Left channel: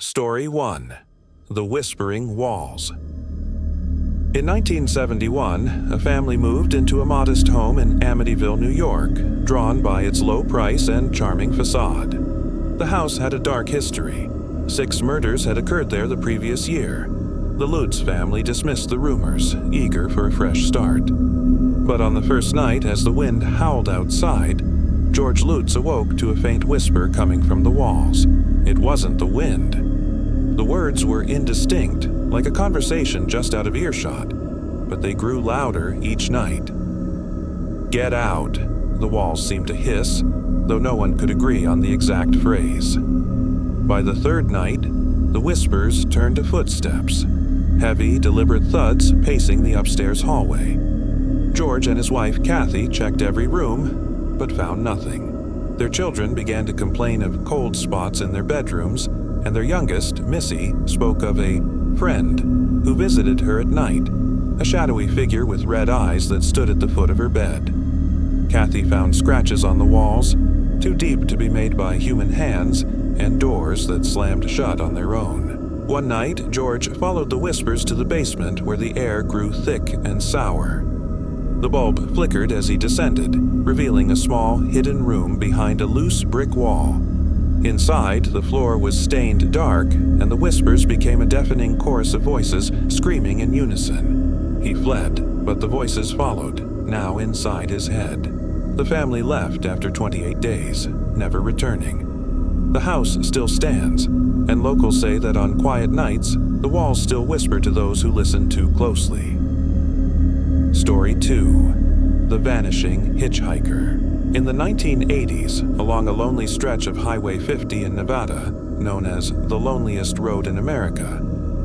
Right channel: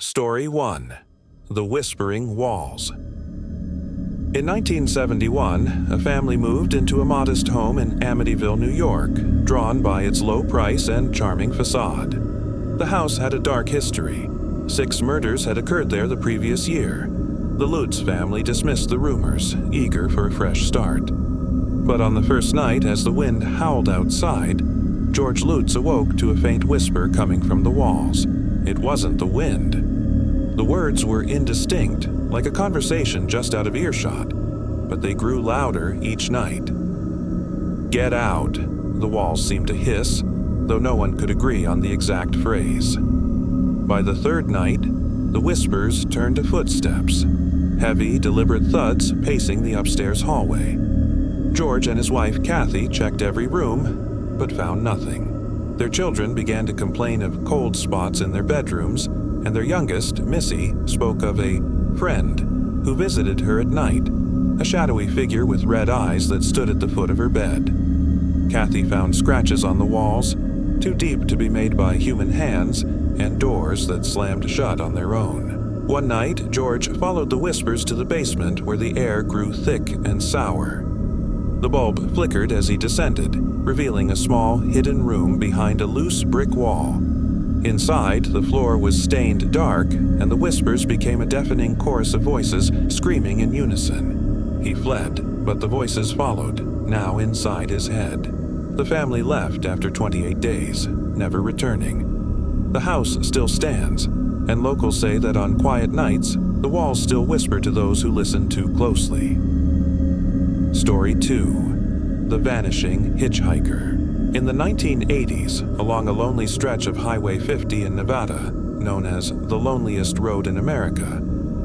Story 1. The Whispering Walls. In 1971, a family moved into a modest home in Amityville, New York, drawn by its low price and charming facade. The house had a dark history. 6 murders had occurred there the previous year. The Lutz family dismissed the rumors, eager for a fresh start. But on the first night, as the wind howled outside, George Lutz awoke to a faint whisper coming from the walls. It wasn't the wind. The words were indistinct, like a conversation just out of earshot, but they grew louder each night. "Get out," the walls seemed to hiss, though no one could agree on the exact phrase. By the third night, the whispers turned to footsteps, heavy, deliberate thuds pacing the upstairs hallway. George and his wife Kathy checked every room, but found nothing. Their children began to complain of cold spots in their bedrooms, and their youngest, Missy, spoke of a friend who visited her at night, a shadowy figure with red eyes that stood at the foot of her bed. Kathy found scratches on the walls, too deep to be made by human hands, and doors that slammed shut on their own. One night, George followed the whispers to the basement where the air grew thick and sour. The bulb flickered as he descended, revealing a small, hidden room behind a loose brick wall. Inside, the floor was stained dark, and the whispers became a deafening chorus of voices screaming in unison. He fled, but the voices followed, now inside his head. The family left after 28 days, never returning. The house still stands, and locals say that on quiet nights, the walls still whisper to those who listen too closely. Story 2. The Vanishing Hitchhiker. In the 1980s, along a lonely stretch of Highway 50 in Nevada, known as the loneliest road in America,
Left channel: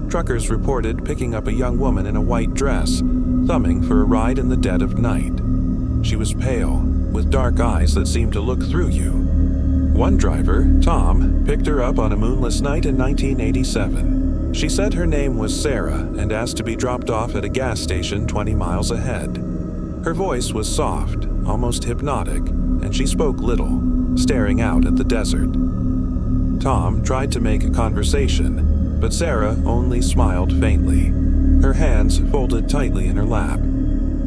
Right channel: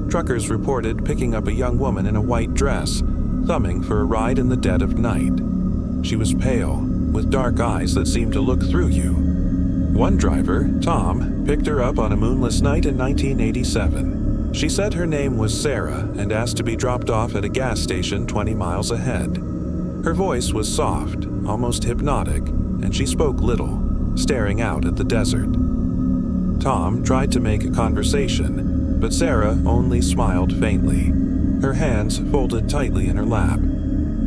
truckers reported picking up a young woman in a white dress, thumbing for a ride in the dead of night. She was pale, with dark eyes that seemed to look through you. One driver, Tom, picked her up on a moonless night in 1987. She said her name was Sarah and asked to be dropped off at a gas station 20 miles ahead. Her voice was soft, almost hypnotic, and she spoke little, staring out at the desert. Tom tried to make conversation, but Sarah only smiled faintly, her hands folded tightly in her lap.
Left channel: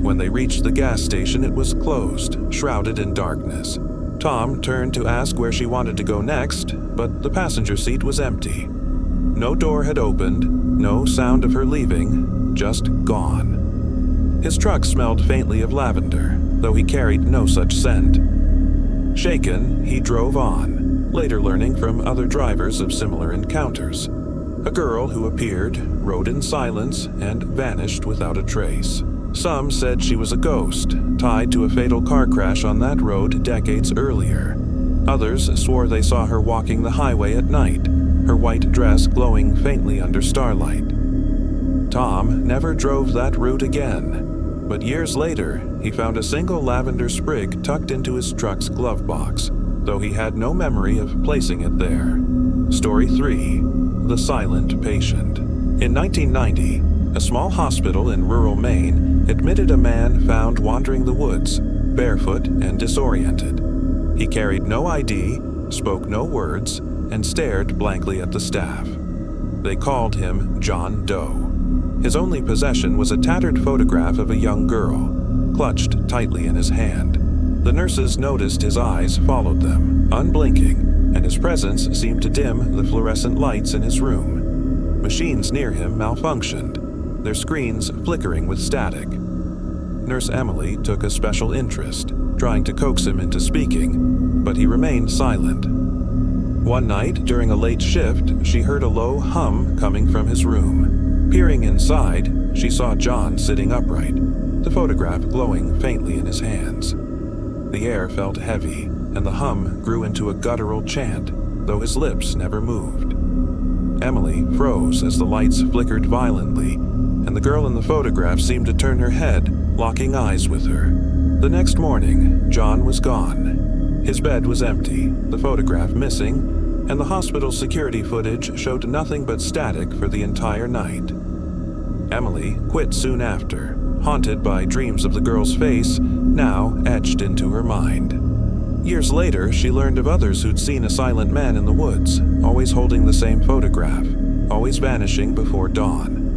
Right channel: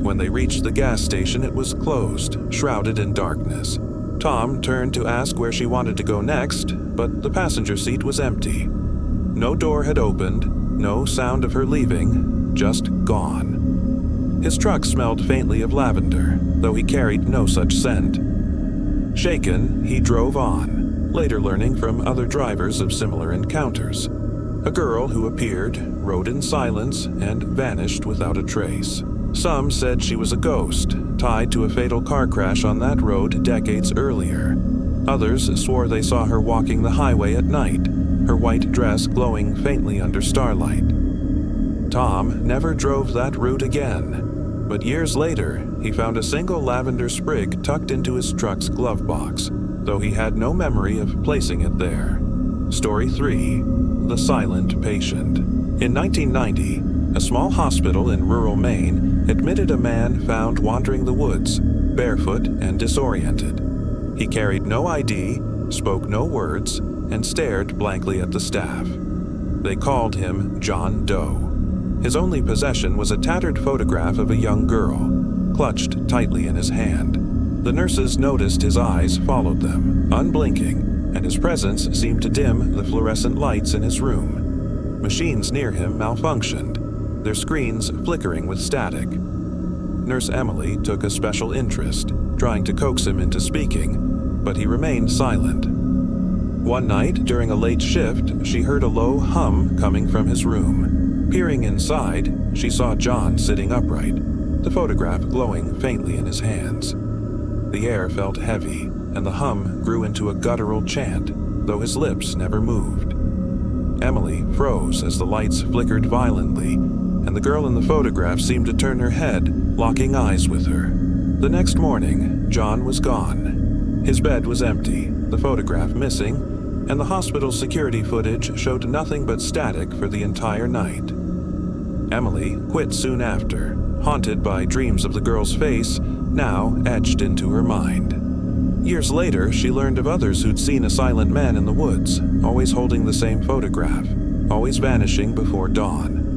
When they reached the gas station, it was closed, shrouded in darkness. Tom turned to ask where she wanted to go next, but the passenger seat was empty. No door had opened, no sound of her leaving, just gone. His truck smelled faintly of lavender, though he carried no such scent. Shaken, he drove on, later learning from other drivers of similar encounters. A girl who appeared, rode in silence, and vanished without a trace. Some said she was a ghost, tied to a fatal car crash on that road decades earlier. Others swore they saw her walking the highway at night, her white dress glowing faintly under starlight. Tom never drove that route again, but years later, he found a single lavender sprig tucked into his truck's glove box, though he had no memory of placing it there. Story 3. The Silent Patient. In 1990, a small hospital in rural Maine admitted a man found wandering the woods, barefoot and disoriented. He carried no ID, spoke no words, and stared blankly at the staff. They called him John Doe. His only possession was a tattered photograph of a young girl, clutched tightly in his hand. The nurses noticed his eyes followed them, unblinking, and his presence seemed to dim the fluorescent lights in his room. Machines near him malfunctioned, their screens flickering with static. Nurse Emily took a special interest, trying to coax him into speaking, but he remained silent. One night, during a late shift, she heard a low hum coming from his room. Peering inside, she saw John sitting upright, the photograph glowing faintly in his hands. The air felt heavy, and the hum grew into a guttural chant, though his lips never moved. Emily froze as the lights flickered violently, and the girl in the photograph seemed to turn her head, locking eyes with her. The next morning, John was gone. His bed was empty, the photograph missing, and the hospital's security footage showed nothing but static for the entire night. Emily quit soon after, haunted by dreams of the girl's face, now etched into her mind. Years later, she learned of others who'd seen a silent man in the woods, always holding the same photograph, always vanishing before dawn.